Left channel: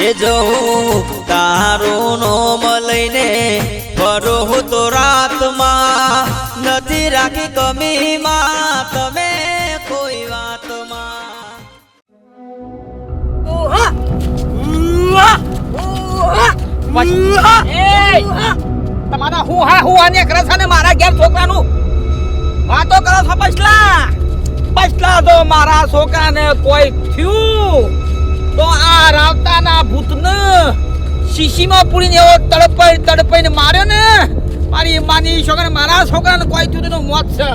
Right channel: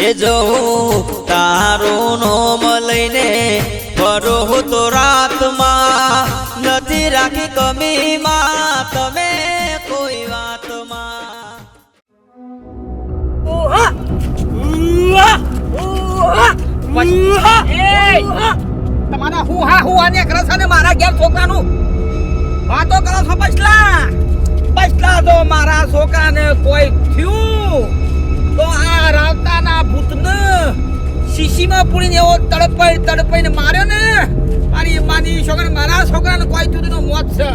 એ જો તારું નોમ લઈને ફરું તો રાતમાં નથી રાખી કમીમાં તમે કોઈ વાતમાં. એ! તમારા હું હા હું આને કરે છે ને મારા ઘેર છોકરાનું? વાતો કરો છો પછલા? પછલા તો મારા છોકરાને કોઈ થયું? તો આ રાવતાના ભૂતને શીશીમાં પૂરીને એવો તડપાઈ તડપાઈને માર્યો ને? મારી માની છોકરા મારા છોકરાને કોઈ તું મોત છે.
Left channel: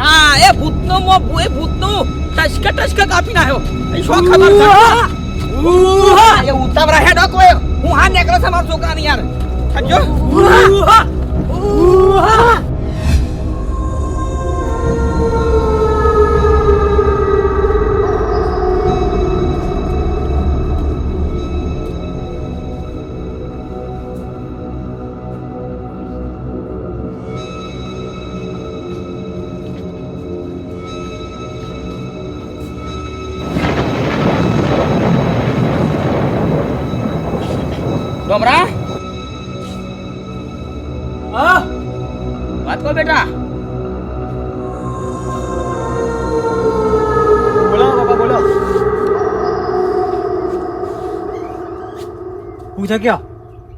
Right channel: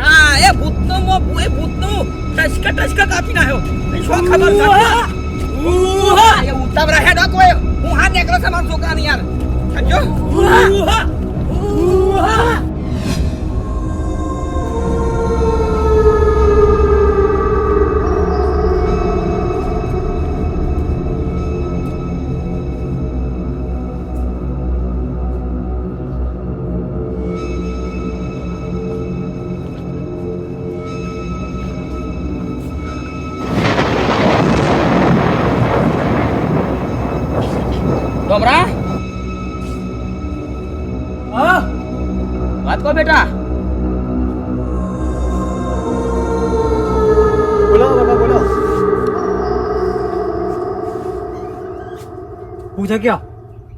હા એ ભૂતનો મો એ ભૂતનો ટસકે ટસકે કાપી નાખ્યો. એ શું ખબર છે? એ ઉતાવળા હેડો કોઈ હું હા નીકળે છે મારા છોકરાને યાર. સમજો? ડોમરા હા વાત કહો બેટા બોલો બાપા બોલો પૂછે ક્યાં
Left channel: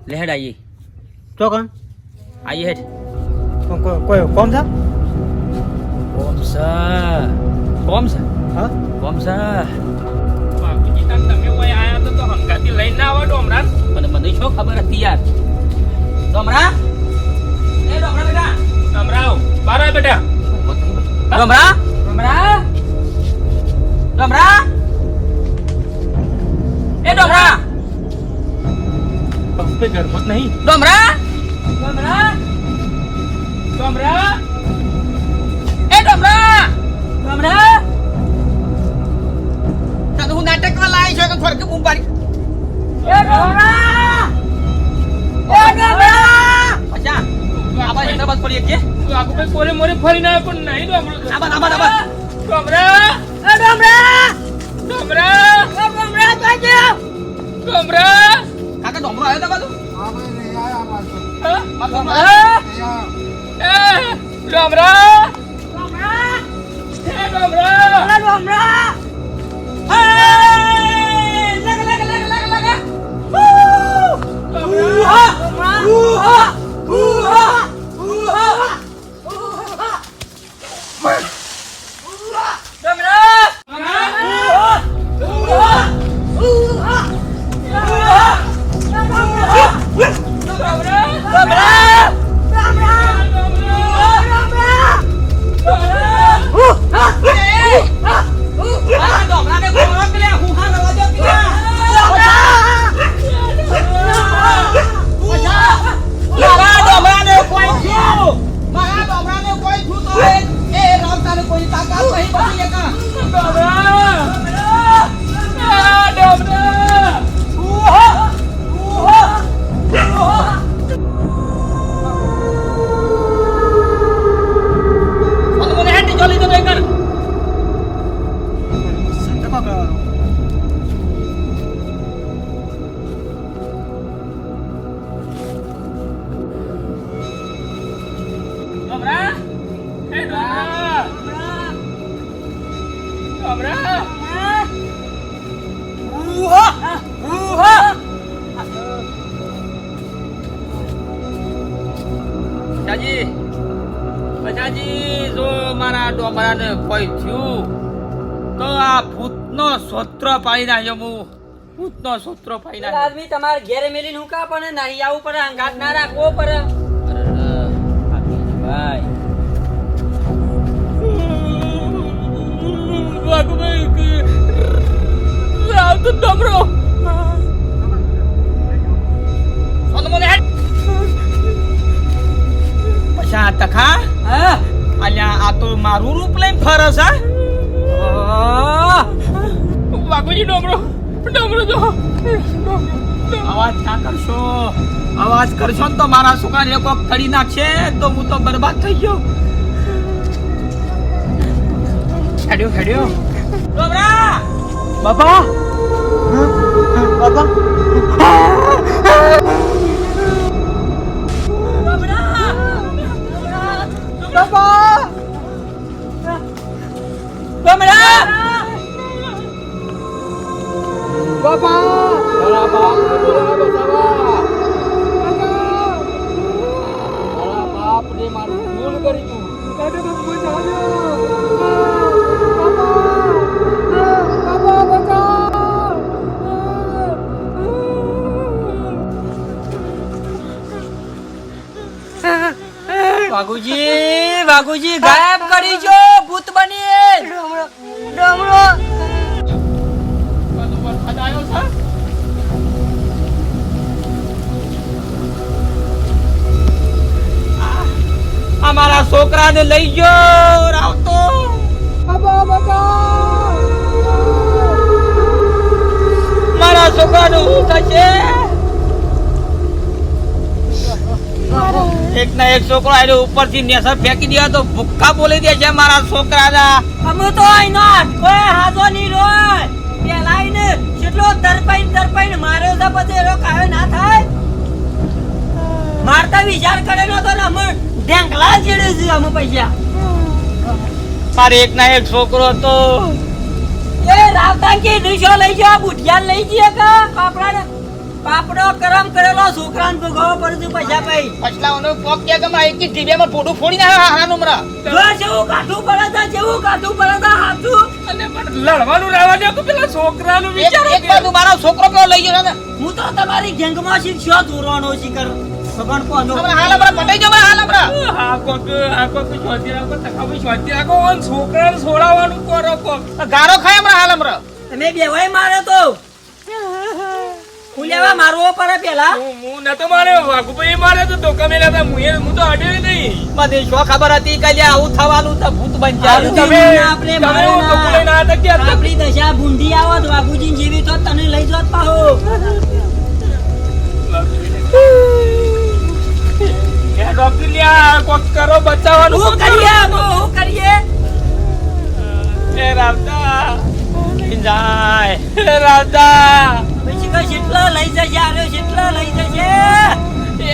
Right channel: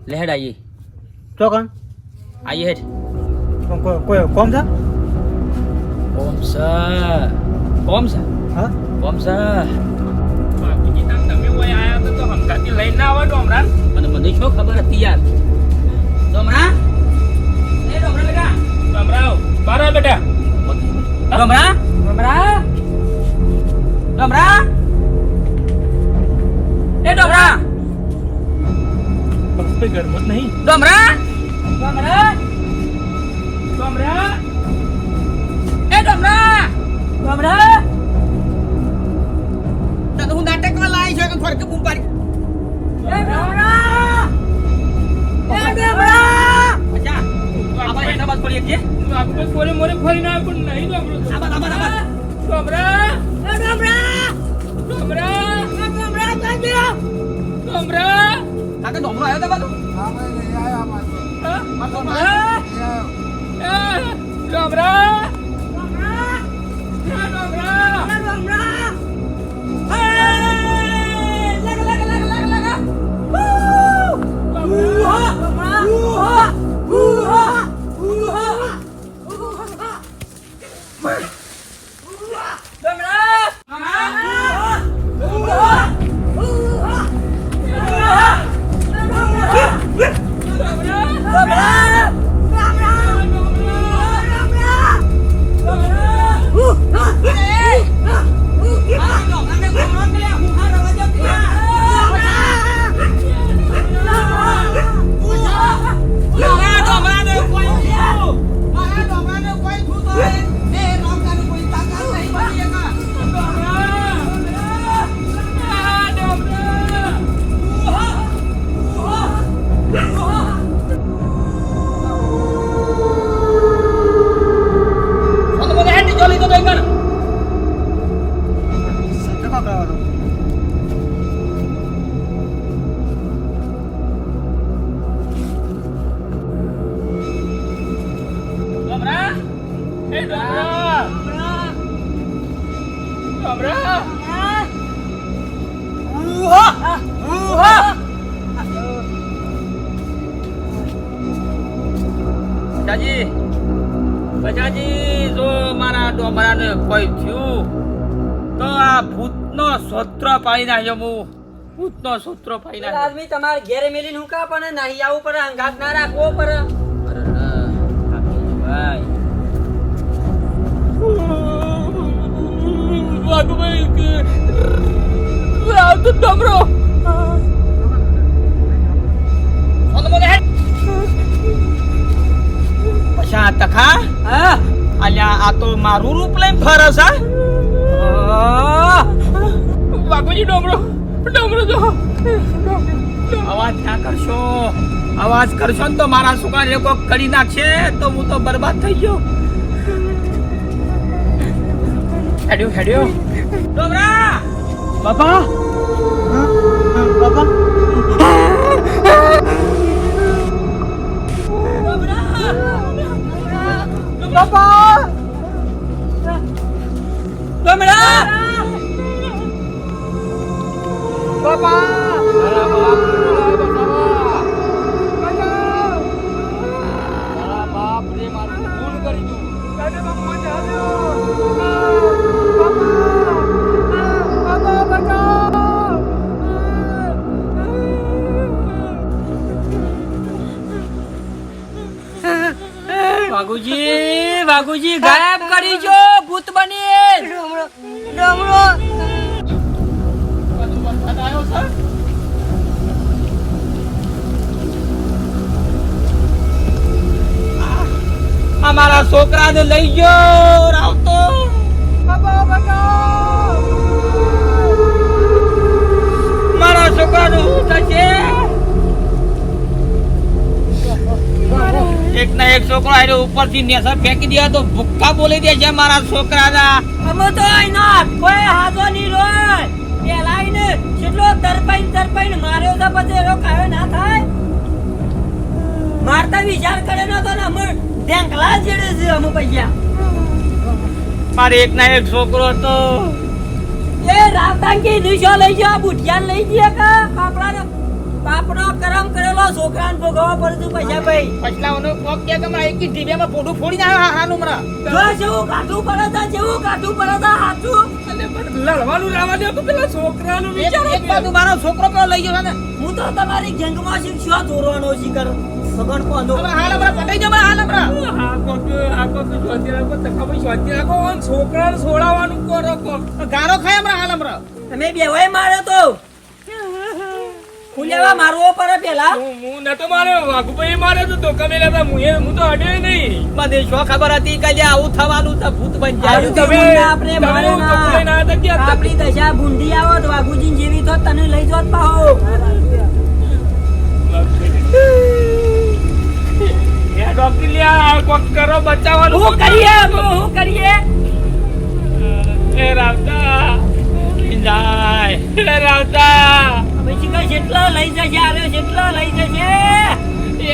લેહેડ આઈએ તો કોણ આઈએ હેડ કોણ- કોઈ કોઈ કોમ છે કોમ છે કોમ છે હા કોમ છે બાપુજી તાન તમે ઓય આયા તો તો હંગાતી લઈને ના આવો ડોમરાન મને મને શું ખબર હતી યાર? ડોમરા? એ ડોમરા બેટા. ડમરાવ બાર બેટા. ડોમરા? ડોમરા? ડોમરા? એ ડોમરા? બાપુ ગરબત નહીં. ડોમરા? ડોમરા? ડમરા? એ ડોમરા? ડોમરા? તને હું નાટકમાં લાવી છે ફરકે બૂમ પાડી? એ ડોમરા કે તું ભાઈ ફરીને આવ્યો પણ નહીં કાકા આવ્યો તો બાજુ હા ડોમરા એ ડમરા ડોમરા ડમરા ડોમરા ડમરા પછાજી પછાજી જો મારા ડોમરાને કોઈ થયું તો આ ભૂતનો સોત્ર પાડી નાખ્યો હું ભૂતનો સોત્ર પાડી નાખ્યો. આદમી તમારે ઘેરે મેલીને હું કા પણ નહીં આવું પડે અંગાત ના રાખવો પડે. વાઘુભાઈ રાવ ડમરો પછી તખા? અલ્યા આ તો મારું રૂપ લઈને ફરસ હા? વાઘુજી ડમરો ડમરો જો. અવાજ ના કરશો. અવાજ કરશો ને તો મારા છોકરા લોકો કરી નાખશે તો હું તો બરબાદ થઈ ગયો. હેડ્યો હેડ્યો. berapa? Bapak? Bapak! Bapak! berapa? વાઘુજી ગાયબ કરી જો, ભૂત બની ડમરો બધું વરસાદ આવ્યો છે અમારા છોકરાને લઈ ગયો રાવતો. મારા છોકરાનું શું થશે એક ના એક છોકરો આવ્યો ઉપરથી નેસર ફેંકી દે તો ભૂક્કા બોલી દે છે મારા છોકરાના. અમે તો આઈના કોઈ હાથો ની રોય. પેલાઈને કેટલો તરપાઈને તરપાઈને માર્યો તો પછી એનો કાયો ના થાય. મારતા વિચાર કરે ન તો ને અમે ઢેંકલા જેડે છે અમે પૈસા. મારે એક ના એક છોકરો તો એ રાવતાંકી દીશો લઈ જાઓ બુઢિયાન લઈ જઈએ કે પાપડા પાપડો કરમ કરેલો છોકરાને ભોગવવા પડતું પૈસા ભાઈ પછલાઓનો કોક કે કે મારે એક ઢીબેમાં ફોટો ફોડી નાખે હાનું મરા જો જેવું કાઠું પડે છે જેવું કાઠું પડે છે હાથું અને પણ લડવાનું દે કે પેલા છોકરાનું વિચારો એક બાજુ મારો છોકરો પેલો લઈ ગયો ને? હું તો તમારી ગેંગમાં શિક્ષો ધોરવાનો શીખર ભગવાન કોનો હાલ હમણાં પટાઈ જાવ હાલ બરા હા કોક આ કોક શોધી રાખો તકાભાઈ શોધી રાખો અને છોકરાને છોડાવવાનું કરો કોક. ગારો ખાય હમણાં હાલ હમણાં તમે બેવાય મારે તો. લેવા મારવો પડે પેલા? હું ન નતો મારે વાઘુભાઈ મારે તો ધોકા મેલા હતા. હું હું તો અડ્યો નહીં. બધી શું ખબર હતી કે આવું થવાનું તો ભૂત બની જાય તમે- આપણે માર્યો લઈને ના. હતા ક્યાં? આપણી દશા ભૂંડી આવત વાઘુજી જીવી તો તને લઈ જોત પાહો. એ ડોક્ટર લ્યા કોક કરો બચાવવાનું. હું કરીએ હું કરીએ? એ રાવતા. જાય. રાવતા. પછી કઈ લઈ જશે આરે જેટલા લઈ જશે.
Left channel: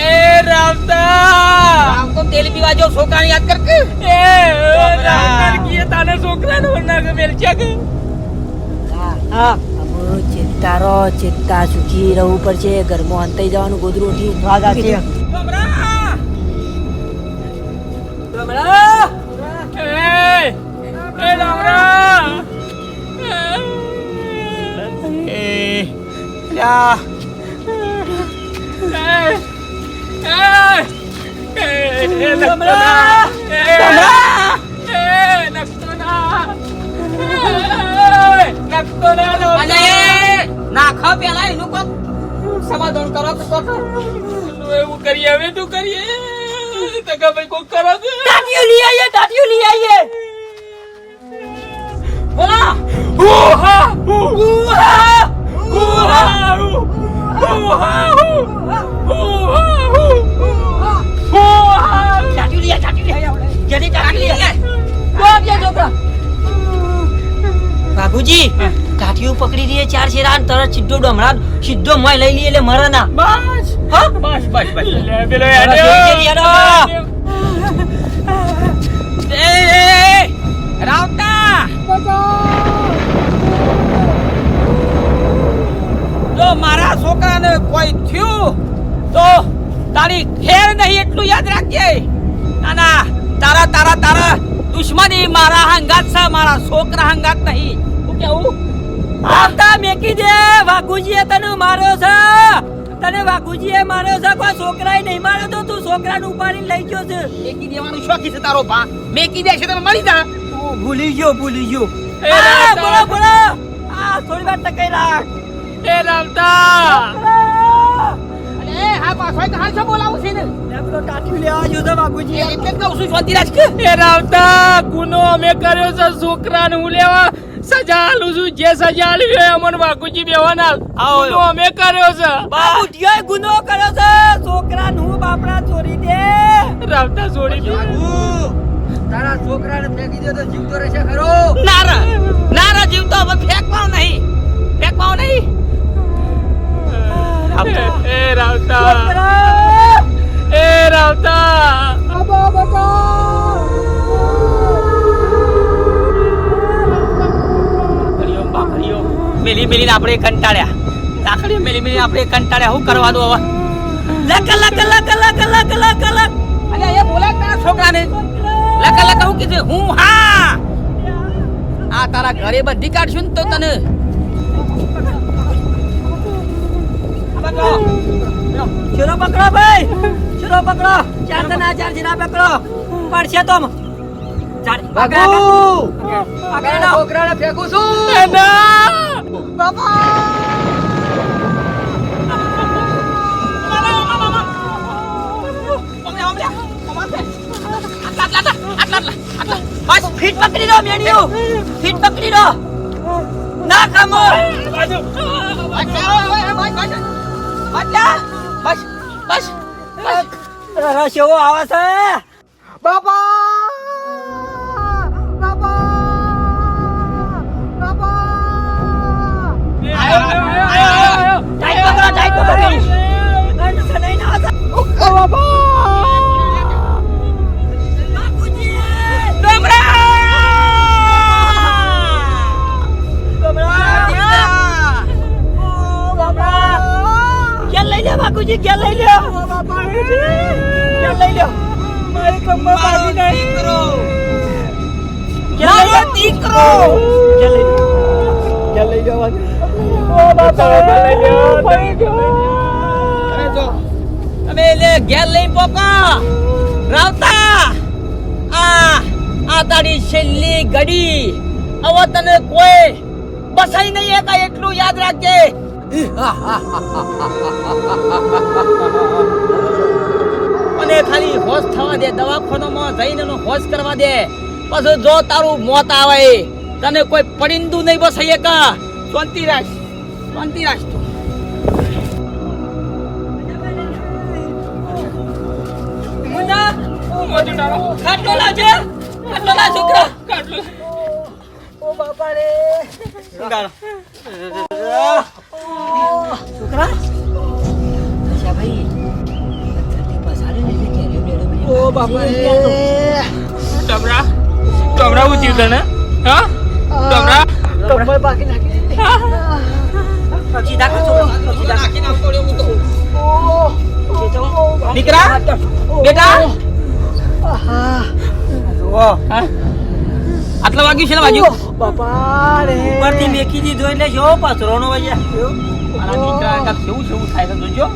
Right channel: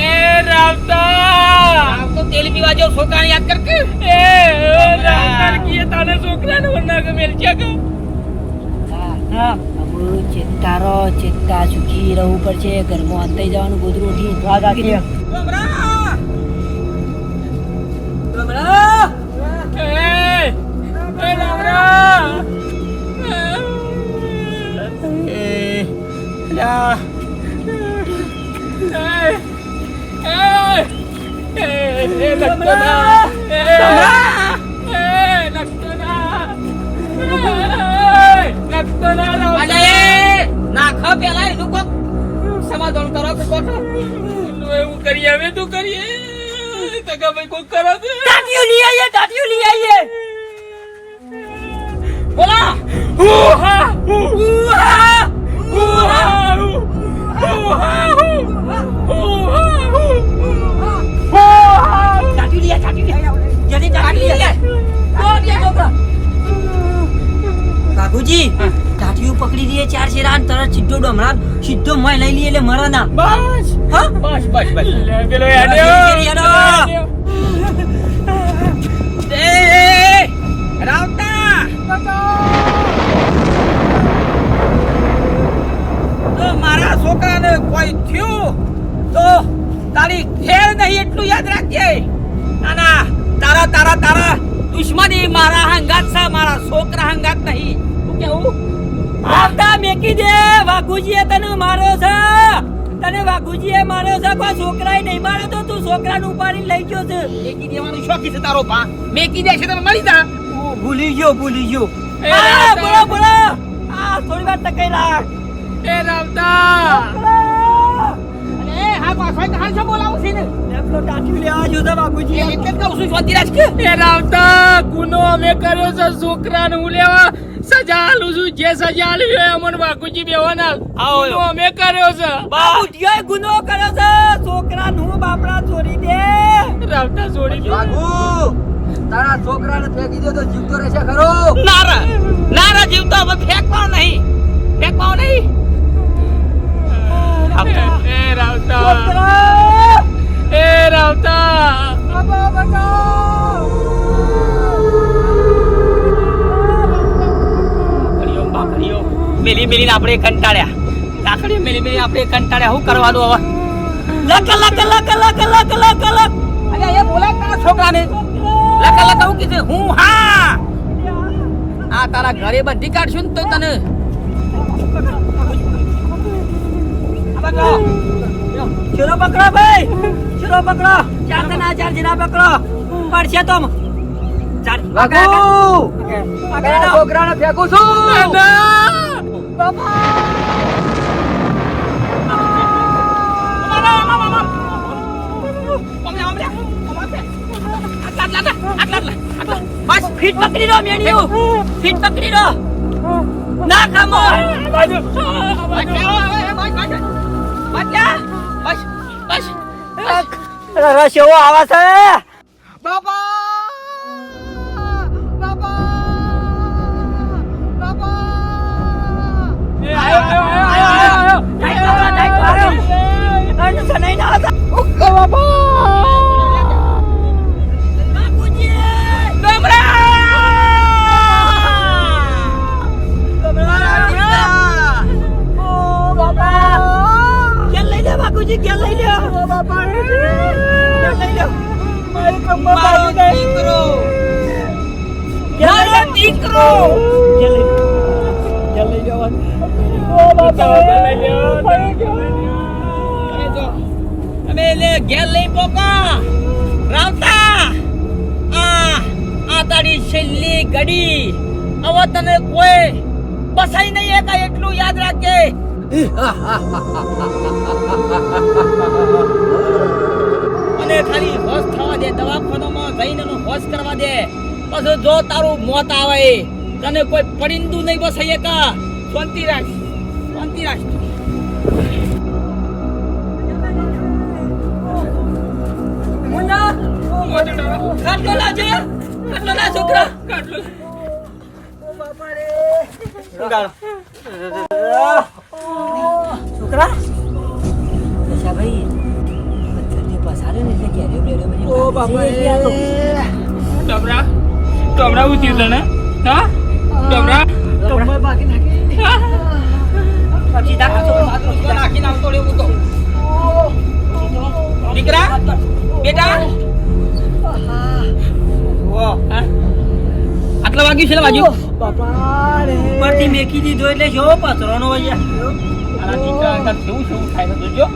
એ રાવતા! આમ તો તેલ પીવા જો છોકરાને યાદ કર કે? એ રાવતા કીએ તાને છોકરાને વરના કે? મેલ છે કે હા ચિત્તા સુખી રહેવું પડશે. ઘરમાં અંતાઈ જવાનું ગોદરું ઉઠી ઉઠવા છે લ્યા અને નાખો પેલા એનું કોક સમાધાન કરો કે એવું કરીએ હવે તું કરીએ તકા ભાઈ કોક કરો ટાટિયું લઈ ટાટિયું લઈ આવીએ બોલા ઉહા ઉહા બાબુજી ટાટિયું પકડી દઈએ ચાર શેરા અને તરત સીધો ડમરા સીધો મય લઈ લઈએ એટલે મરે ના બસ બસ બસ. બસ પેલો હેડો. રાવતા જો મારા છોકરાને કોઈ થયું તો તારી ખેર નહીં એટલું યાદ રાખજે. ના ના તારા તારા તારા દુશ્મની મારા હંગાત છે મારા છોકરા હંગાત નહીં. હું કેવું? આવતા મેકી દે વાઘુજીએ તને માર્યો છે. તને વાઘુજીએ માર્યો છે કોઈ છોકરાએ નહીં માર્યો તો તું છોકરાને ઉપાડીને લઈ ગયો છે. મેકી દેવાનું શોખી છે તારો ભા. મેકી દે છે તમે મળી જા. ભૂલી ગયો ભૂલી ગયો. બોલો બોલો. આ થોડી વાર ટકાઈ રાખ. એ રાવતા! અને હા પાછો એક હાલ છો બોલાવું છે ને? લેપટોપ ટાટિયું લેવા જો છે વાઘુજી એ એટલે જ કહું છું શોધી કે? એ રાવતા ગુનો અમે કર્યો છે છોકરાને હું લેવા? સજા આલું છું જે સજા આલી હોય અમન બાકુજી બેવાના. ગુનો અમે કર્યો છે. બાબુજીએ ગુનો કર્યો છે છોકરાને હું બાપડા છોડી દે. રાવતા છોડી દે. તારા છોકરાને ફેંકી દે તો જીવતો રહેશે ખરો. નારા નારા જીવતો હવે ફેંકવાનો નહીં. ફેંકવાનો નહીં. રાવતા. એ રાવતા. એ રાવતા. બાબા બકા મેલી મેલીને આપણે કંટાળ્યા. લાકડી મેલી મેલી આપણે કંટાળ્યા. શું કરવાનું હવે? લક લક લક લક લક લક લક. અરે એ બોલાય તારા છોકરાને. લક લક હું કીધું હું હા. આ તારા ઘરે બધી કાઢશું ને તો તને. ચલો પકડો ભાઈ. ચલો પકડો. ચાર જણા ચાર જણા પકડો. પડશે તો ચાર ફેંકું છું. એના! બસ ફીટ પકડી મેનિયું. ફીટ પકડી દો ના બાજુ. બસ બસ રસ્યો આવે છે? આયો, આયો, આયો, આયો, આયો. ટાઈટ પકડો ટાઈટ પકડી અને સનાઈ ના હતા બાપુજી બાપુજી ક્યાં લઈ લ્યો? બાપા ક્યાં લઈ લ્યો? મારી કમર બાજી દે દીકરો. મારો દીકરો. ક્યાં લઈ જાવ ઓ બાપા તમે લે ઘેર લઈ પોકા. રાવતા. આ આ તારી છેલ્લી ઘડી. હવે તને કોઈ બસાઈ નહીં એકા એટલું યાદ રાખજે. અને ખાલી હોશ થવા દે દવાખાનામાં જઈને એનો હોશ કરવા દે. પછી જો તારું મોત આવે તને કોઈ પરિંદુ નહીં બસાઈ એક. શાંતિ રાખ શાંતિ રાખ મોજું ખાટલો લાજે ખાટલો લા છોકરા. કાટલું. છોકરા અચ્છા ભાઈ પથ્થરથી પસાડે ને એટલે કેરીઓ બેરીઓ બધી ઓ ભાગી બાપા જાય છે. તમરા તમરા ઉચી તને હા તમરા કમર બાકી નાખી પછી ધાકા છોકરા. નાખીને આવતો રે હું તો દીકરા બેટા હા? આટલા વાગ્યું છે ને વાગ્યું ઉપરથી મેકી દીધો એટલે જો પથરોનો વજ્યા. મારા દીકરા અંગત કેવું કેવું થાય છે જોજો.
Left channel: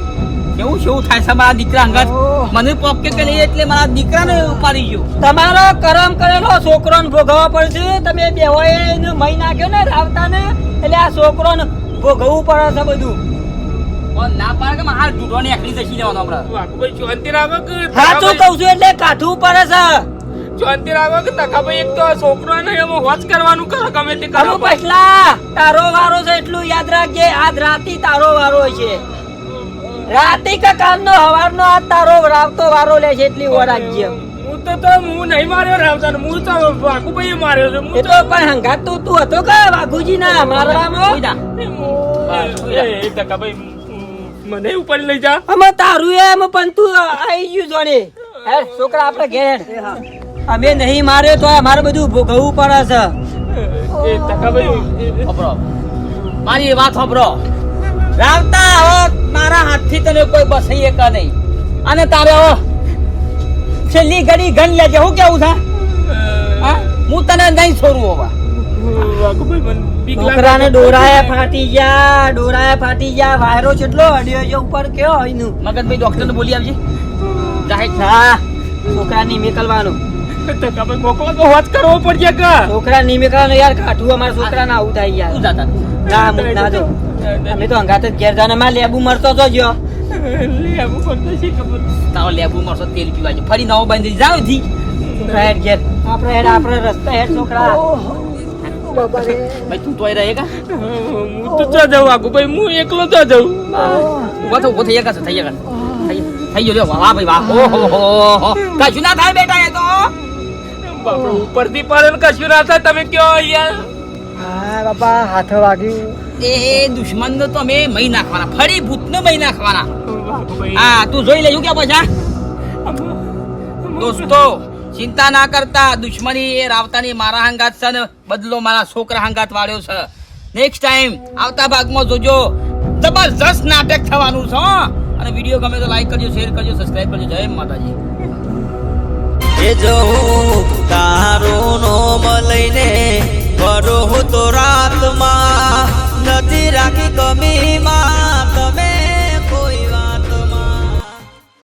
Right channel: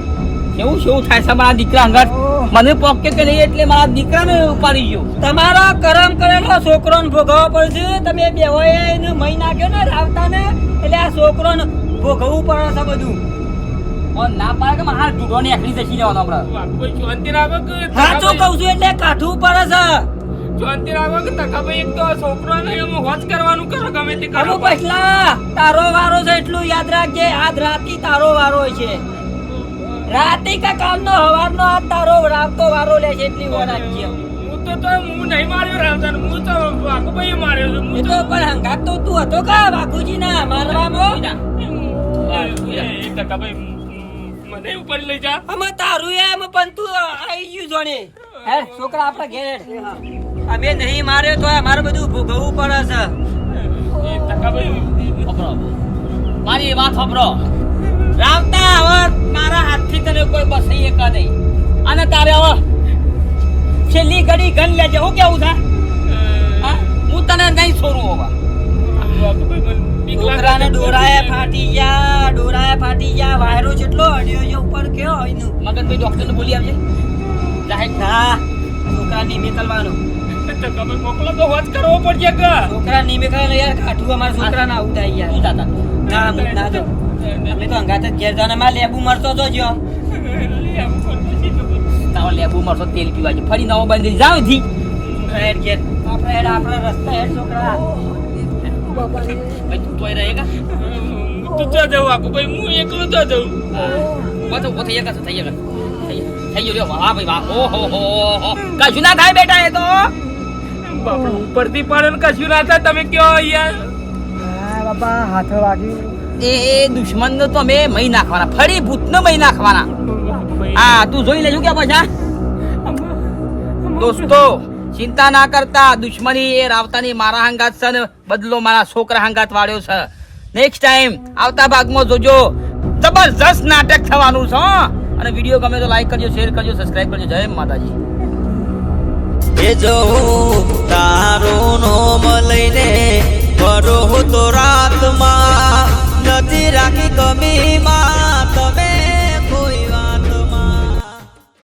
કેવું કેવું થાય છે મારા દીકરા અંગત. મને પોકે કે નહીં એટલે મારા દીકરાને ઉપાડી ગયો. તમારા કરમ કરેલો છોકરોને ભોગવવા પડશે. તમે બેવાએ એને મહી નાખ્યો ને રાવતાને? એટલે આ છોકરોને ભોગવવું પડે છે બધું. ના પાડે કે મારા જુડો ને એકલી જશી જવાનો હમણાં. વાઘુભાઈ શાંતિ રાખો કે સાચું કહું છું એટલે કાઠું પડે છે. શાંતિ રાખો કે તકાભાઈ એક તો છોકરો ને એમ હોશ કરવાનું કરો ગમે તે કરો પછલા તારો વારો છે એટલું યાદ રાખજે આજ રાતી તારો વારો છે. રાતી કે કાલનો હવારનો આજ તારો રાવતો વારો લે છે એટલી વાર રાખજે. હું તો તો હું નહીં માર્યો રાવતા હું તો વાઘુભાઈ માર્યો છે હું તો પણ હંગાત તો તું હતો કા વાકુજી ના મારવામાં? એ મને ઉપર લઈ જા. અમે તારું એમ પણ તું આવી ગયું જોડે. હે છોકરા આપણે ઘેર. અમે નહીં માર્યો તો અમારે બધું ભોગવવું પડે છે. એ મારી વાત સાંભળો રાવતા હવે મારા હાથથી તને કોઈ બસાઈ એક નહીં. અને તારે હવે છેલ્લી ઘડી ગન લેજે. હું કેવું છે? હા? હું તને નહીં છોડું હવે. છોકરાને ડોરાયા ફાટી ગયા ડોરાયા ફાટી ગયા વાયરો કેટલો અડ્યો છે ઉપર કયો એનું મગનભાઈ ડોક્ટર ને બોલી આવજે. જાહેર હા છોકરા નહીં નીકળવાનું તકાભાઈ મોકલો તો હોશ કરવો પડશે કે? છોકરા નહીં યાર કાઠું અમારા છોકરાને આવું થાય યાર. તું જાતા ના હું ના જાઉં. અમે તો અંગાત જ ઘેરમાં લેબુ મળતો તો જો લે આવું કરતો શી લેબુ મળશો તેલ પીવા જો ફરી નવો બંધ જાવથી હેડ ઘેર. આપણે હેડ આપણે રસ્તે હેડ છોકરા. ભાઈ તું તોય રહે હું તો જો જાઉં વાઘુભાઈ હું એકલો જો જાઉં. ઊભો તો ઊભો થઈ ગયા થઈ ગયા. થઈ ગયો વાહ ભાઈ વાહ. ઓહો હો કશું ના થાય બેટા એ તો? ઉપરથી પડે ને કશું ના થાય તમે કયો યાર બાપા હાથ વાગ્યું. એ દુશ્મન નો તો અમે મહી નાખવાના ફરી ભૂત નો મહી નાખવાના. હા તું જોઈ લેજો કે પાછા. દોસ્તો ચિંતા ના કરતા દુશ્મની એ રાવતાની મારા હંગાત છે ને બદલો મારા છોકરા હંગાત વાળ્યો છે. નેક્સ્ટ ટાઈમ આવતા ભાગમાં જોજો. જબરજસ્ત નાટક થવાનું છે હો. અને વીડિયો ગમે તો લાઈક કરજો શેર કરજો સબસ્ક્રાઇબ કરજો. જય માતાજી. એ જો તારું નોમ લઈને ફરો તો રાતમાં નથી રાખી કમીમાં. તમે